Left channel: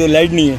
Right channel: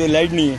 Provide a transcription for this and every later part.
तो लाइट नहीं है।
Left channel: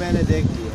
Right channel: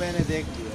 मैंने देख लिया।